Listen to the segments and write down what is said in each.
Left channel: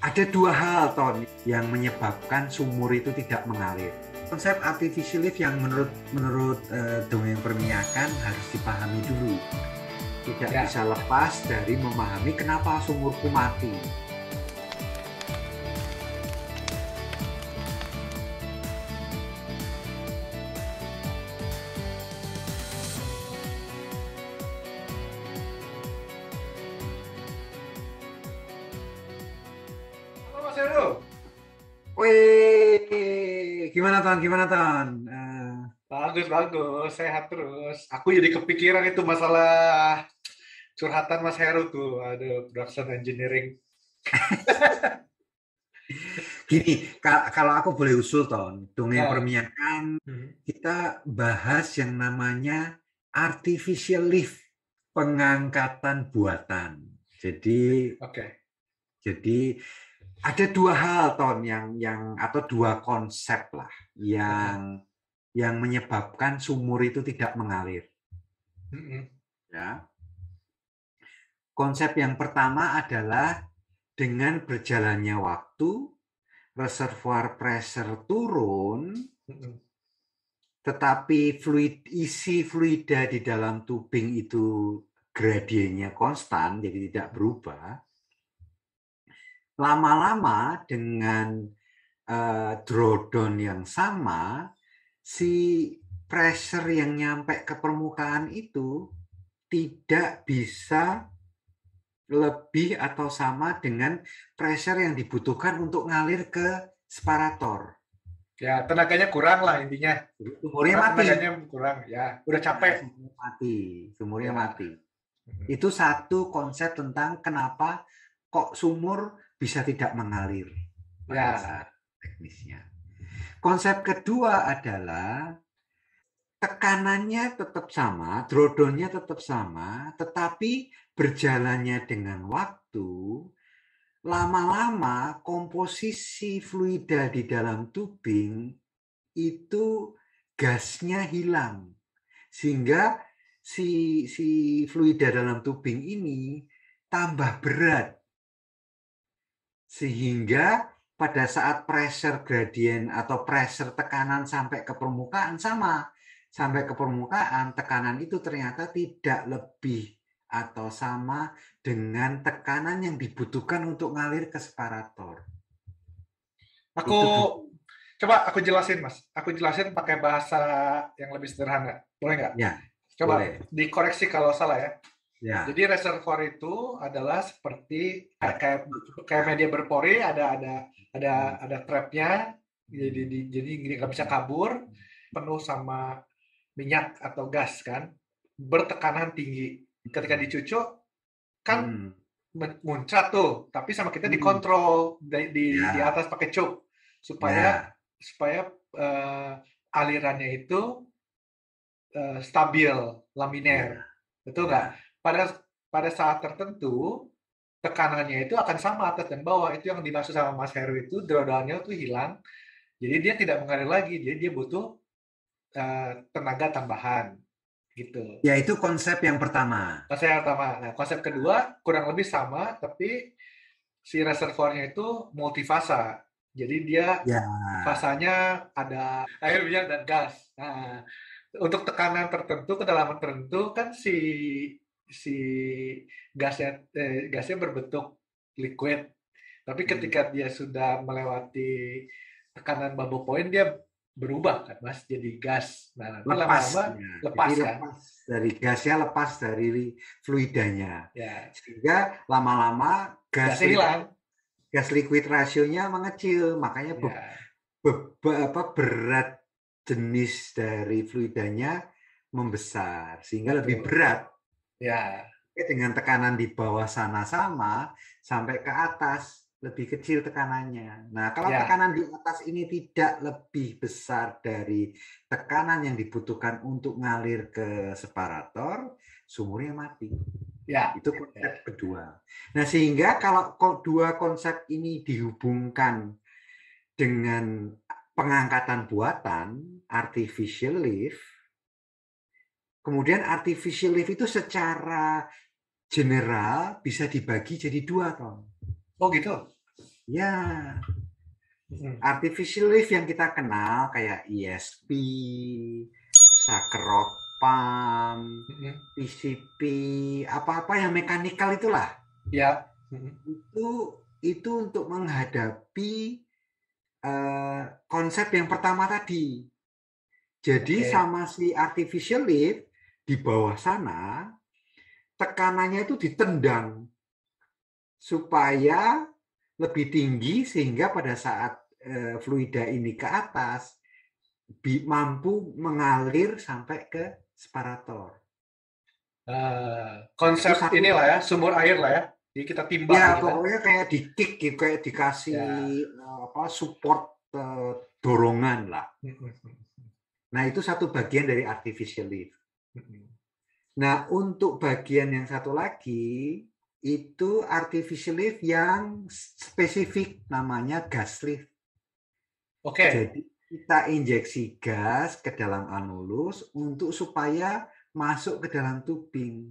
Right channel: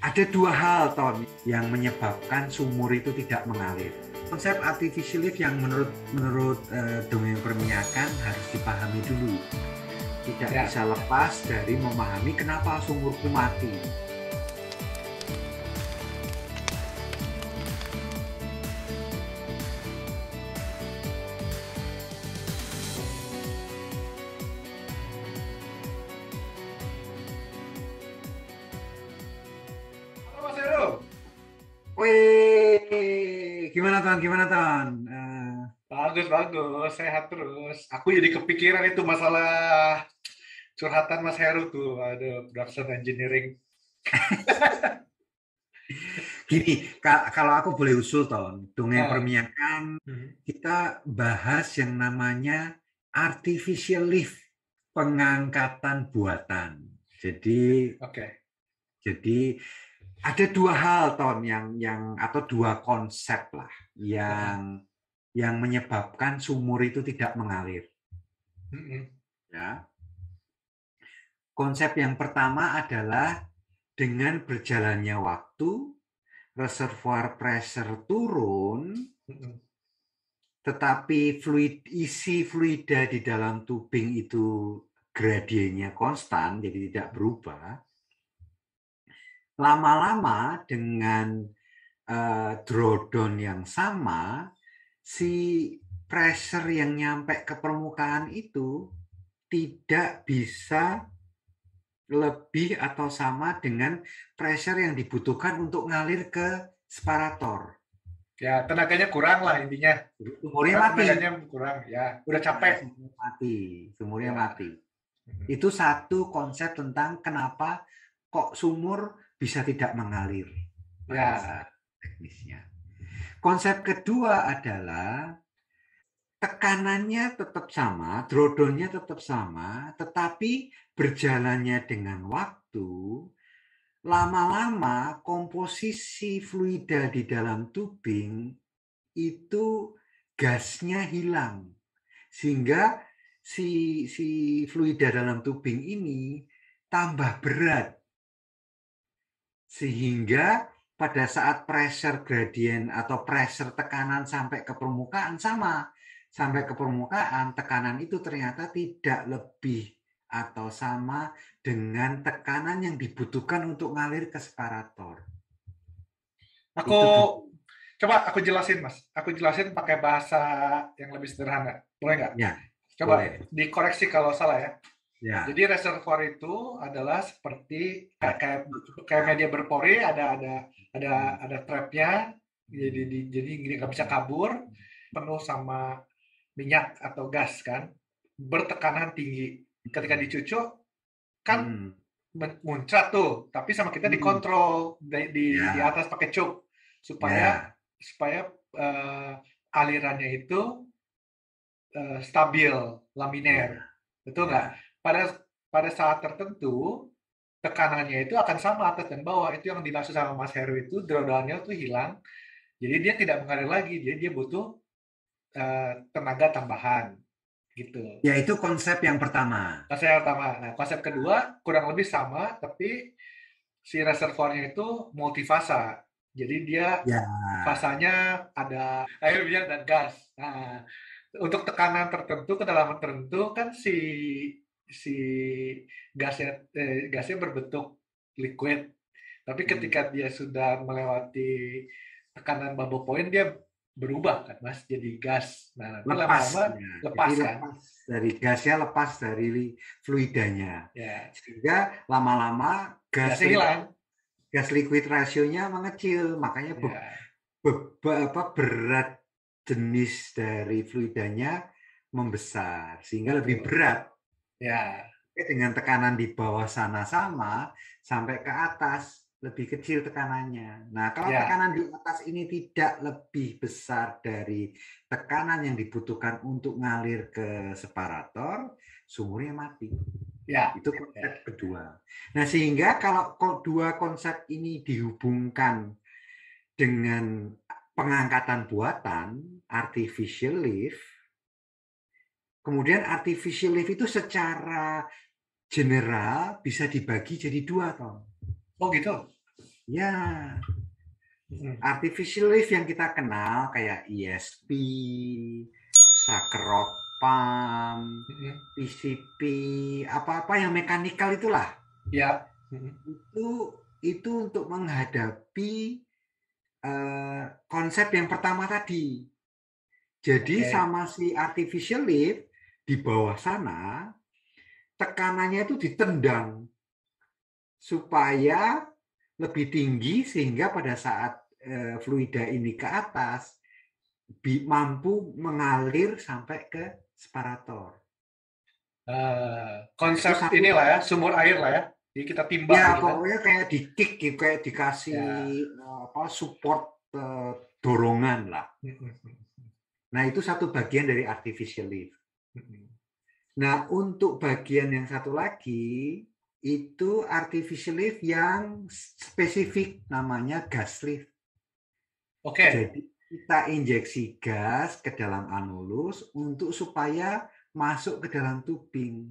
Ada dua hal, Ton, yang menyebabkan sumur itu tidak mengalir. Konsep artificial lift yang menurut dongeng perminyakan harus dipahami dulu. Tidak bisa lepas dari memahami kenapa sumurku mati. Halo Mas Heru. Wih, gimana Ton? Gimana Ton? Bagus, bagus. Sehat terus. Aku jadi kepikiran itu masalah curhatan Mas Heru tuh. Aduh, production engineering. Gini, kalau aku boleh usul Ton, dongeng Ah, perminyakan hmm, kita bahas yang namanya artificial lift, pengangkatan buatan. Jadi oke. jadi ada dua hal Ton yang atau dua konsep lah Hmm, yang menyebabkan sumur itu tidak mengalir. hmm, Ya. Konsep yang pertama adalah dengan berjalannya waktu, reservoir pressure turun, hmm. tetapi isi fluida di dalam tubing itu gradiennya konstan, jadi tidak berubah. Lama-lama dengan drawdown yang sama, si pressure yang nyampe ke permukaan itu tidak bisa lebih atau sama dengan pressure yang dibutuhkan untuk ngalir ke separator. Ya, tenaganya kurang lah intinya. Jadi sumurnya mati. Tenaganya kurang. Ya, udah Nah, capek. sumurnya mati. Sumurnya Ya. mati. Hmm, Itu satu konsep tentang kenapa kok sumur bisa tidak mengalir pada ya. saat teknisnya. Konsep kedua adalah tekanannya tetap sama, drawdownnya tetap sama, tetapi berjalannya dengan waktu, lama-lama komposisi fluida di dalam tubing itu gasnya hilang. Sehingga si fluida dalam tubing ini tambah berat. Sehingga pada saat pressure gradient atau pressure tekanan sampai ke permukaan sama. Sampai ke permukaan, tekanan itu ternyata tidak lebih atau sama dengan tekanan yang dibutuhkan untuk ngalir ke separator. Aku Itu dulu. coba aku jelasin, Mas. Aku jelasin pakai bahasa yang lebih sederhana. Boleh nggak? Ya, Coba boleh. dikoreksi kalau salah ya. Ya, Jadi reservoir itu adalah seperti kayak ya, kayak, kayak ya. media berpori, ada trapnya, jadi nggak bisa kabur, penuh sama minyak atau gas kan, bertekanan tinggi. Ketika dicucuk kan Hmm. muncrat tuh, tapi sama kita Hmm. dikontrol di Ya, atas pakai cuk supaya ya, supaya eh, alirannya itu stabil, ya, laminer, betul nggak? ya. Pada pada saat tertentu tekanannya itu akan sama atas dan bawah. Itu yang dimaksud sama Mas Heru itu drawdown-nya itu hilang. Jadi dia tidak mengalir lagi. Jadi dia butuh tenaga tambahan gitu. Ya, itu konsep yang pertama. Konsep pertama. Nah, konsep kedua kurang lebih sama, tapi si reservoirnya itu multifasa. Jadi dia Ya, fasanya ada air, minyak, dan gas. Nah, untuk tekanan tertentu, kedalaman tertentu kan si gasnya berbentuk liquid. Tapi hmm. ketika dia sudah melewati tekanan bubble point, dia berubah kan, Mas, jadi gas. Nah, nanti Lepas. lama-lama Ya. Jadi lepas kan. lepas dari gasnya, lepas dari fluidanya. Ya, Sehingga lama-lama gasnya hilang. gas liquid rasionya mengecil. Makanya Ya, berat jenis dari fluidanya membesar. Sehingga lebih betul. berat. Ya, Dengan tekanan di bawah sana sama, sampai ke atas lebih kecil tekanannya. Nah, kalau ya, tekanan di atas ini tidak lebih besar dari tekanan yang dibutuhkan untuk ngalir ke separator, sumurnya mati. ya, Itu konsep ya, kedua. Nah, sehingga kalau dua konsep ini dihubungkan dengan pengangkatan buatan, artificial lift, kemudian artificial lift itu secara general bisa dibagi jadi dua, Tom. oh gitu. Ya, Mm-mm. artificial lift yang kita kenal kayak ESP, Sakharov pump, Mm-mm. PCP, apa-apa yang mekanikal itulah. Ya. Mm-mm. Itu untuk menghadapi konsep yang pertama tadi. Jadi Oke. sama si artificial lift di bawah sana tekanannya itu ditendang supaya lebih tinggi sehingga pada saat fluida ini ke atas mampu mengalir sampai ke separator. Nah, itu Konsep satu. inilah ya, sumur air lah ya. Jadi kita timba Ya, gitu kan. pokoknya kayak di kick gitu, kayak dikasih Ya. support dorongan lah. Mm-mm. Nah, itu satu bagian dari artificial lift. Mm-mm. Nah, untuk bagian yang satu lagi itu artificial lift yang spesifik namanya gas lift. Oke. Jadi kita injeksi gas ke dalam anulus untuk supaya masuk ke dalam tubing.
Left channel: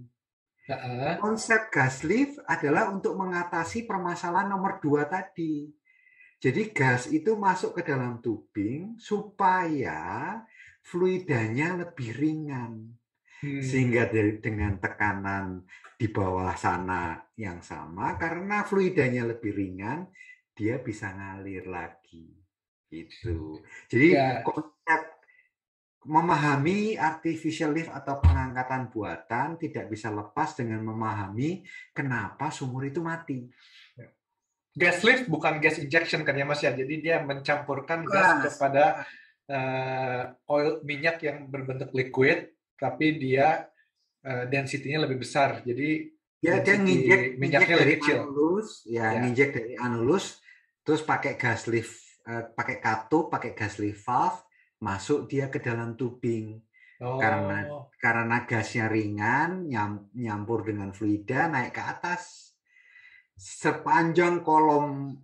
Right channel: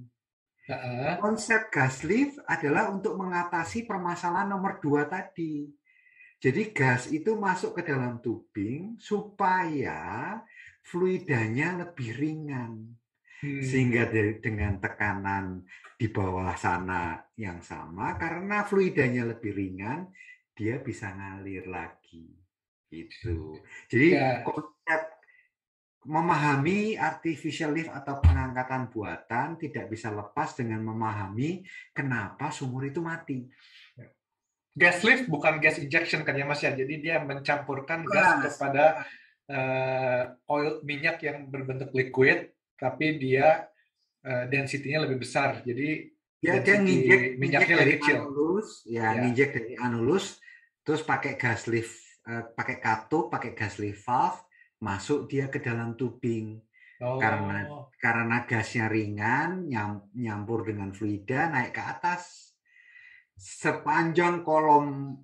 Heeh. Konsep gas lift adalah untuk mengatasi permasalahan nomor 2 tadi. Jadi gas itu masuk ke dalam tubing supaya fluidanya lebih ringan. Sehingga dengan tekanan di bawah sana yang sama, karena fluidanya lebih ringan, dia bisa ngalir lagi. Gitu. Jadi Ya. konsep memahami artificial lift atau pengangkatan buatan tidak bisa lepas dengan memahami kenapa sumur itu mati. Gas lift bukan gas injection kan ya Mas ya. Jadi dia mencampurkan gas Gas. kepada oil minyak yang berbentuk liquid, tapi dia density-nya lebih besar. Jadi Dia density nginjek minyaknya dari lebih kecil. anulus, ya Ya. nginjek dari anulus, terus pakai gas lift, pakai katup, pakai gas lift valve, masuk dia ke dalam tubing. Oh. Karena gasnya ringan, nyampur dengan fluida, naik ke atas. Sepanjang kolom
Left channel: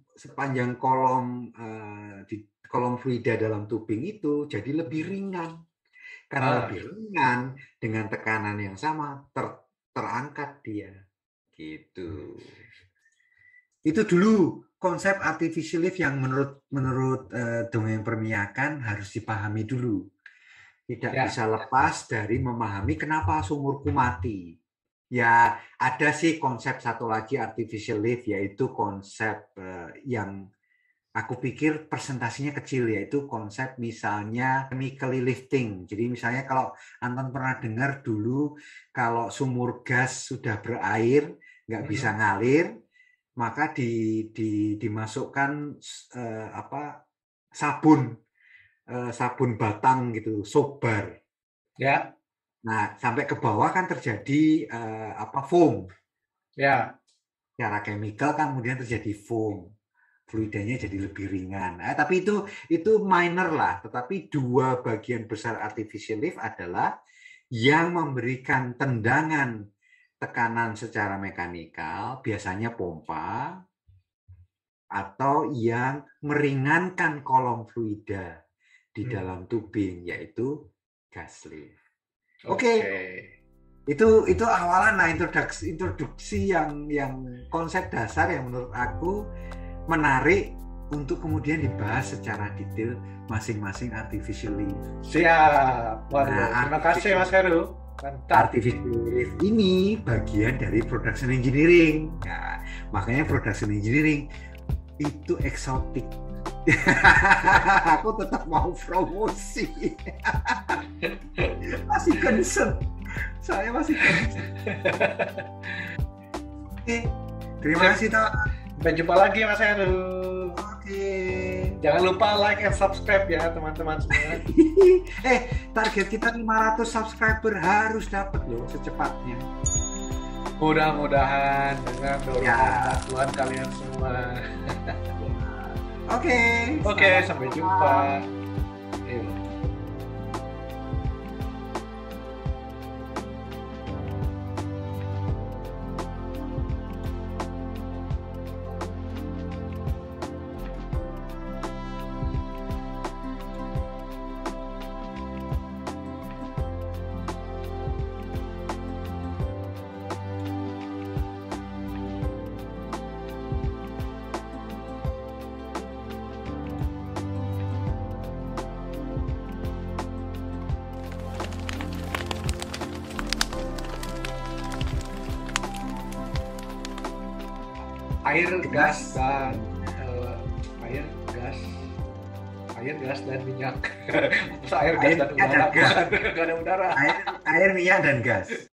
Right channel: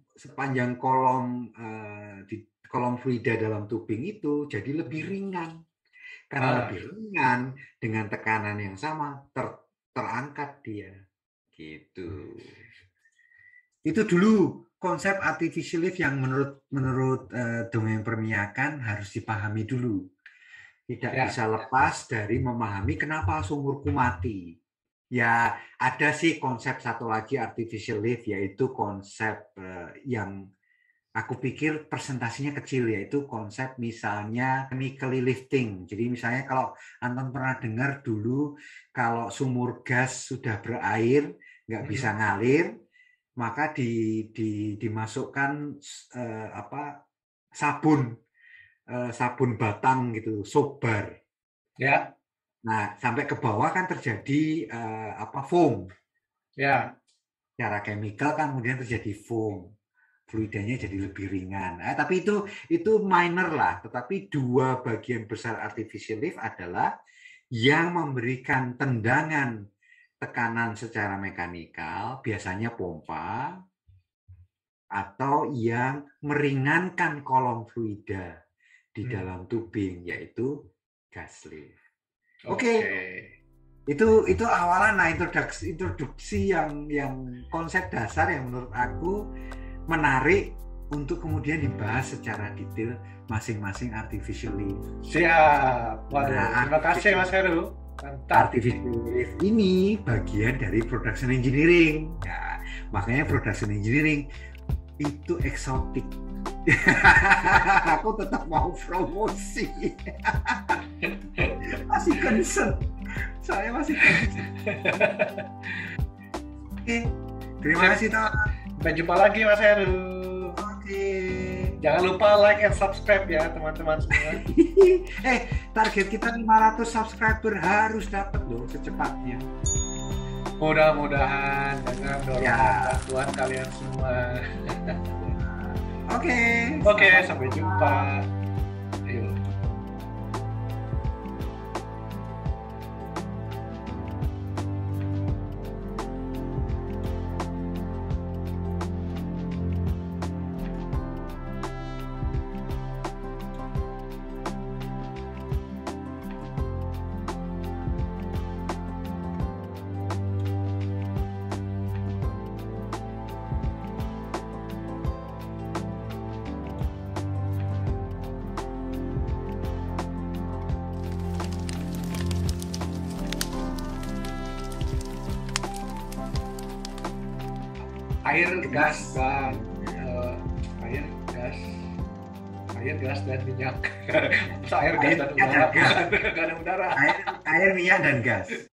fluida dalam tubing itu jadi lebih ringan. Karena lebih ringan dengan tekanan yang sama terangkat dia. Gitu. Itu dulu konsep artificial lift yang menurut dongeng perminyakan harus dipahami dulu. Tidak Ya. bisa lepas dari memahami kenapa sumurku mati. Ya, ada sih konsep satu lagi artificial lift, yaitu konsep yang aku pikir presentasinya kecil, yaitu konsep misalnya chemically lifting. Jadi misalnya kalau Anton pernah dengar dulu, kalau sumur gas sudah berair, nggak bisa ngalir, maka dimasukkan sabun batang gitu, soap bar. Ya. Nah, sampai ke bawah kan terjadi foam. Ya. Secara chemical kan kemudian terjadi foam. Fluidanya jadi lebih ringan. Tapi itu minor lah. Tetapi dua bagian besar artificial lift adalah yang memberikan tendangan tekanan secara mekanikal, biasanya pompa, atau yang meringankan kolom fluida di dalam tubing, yaitu gas lift. Oke. Itu awalan lah, introduksi yang konsep dasar yang menurut aku menarik untuk kemudian dibahas secara detail masing-masing artificial lift. Siap. Waduh, terima kasih Mas Heru. Mantap. Artificial lift ini bagian dari production engineering. Ya, makanya production engineering itu eksotik. Aku tetap mau promosi. Masih concern. Saya masih concern. Oke, terima kasih Toh. Sampai jumpa lagi Mas Heru. Oke. Jangan lupa like and subscribe ya teman-teman semua. Target kita 500 subscriber harus dapat loh secepatnya. Mudah-mudahan dengan dorongan bantuan kalian semua. Oke, sampai jumpa. air, gas, dan eh, air, gas, air, gas dan minyak. Masa air, gas Air, dan minyak, udara? dan gas. Bukan, nggak ada udara. Air, minyak, dan gas.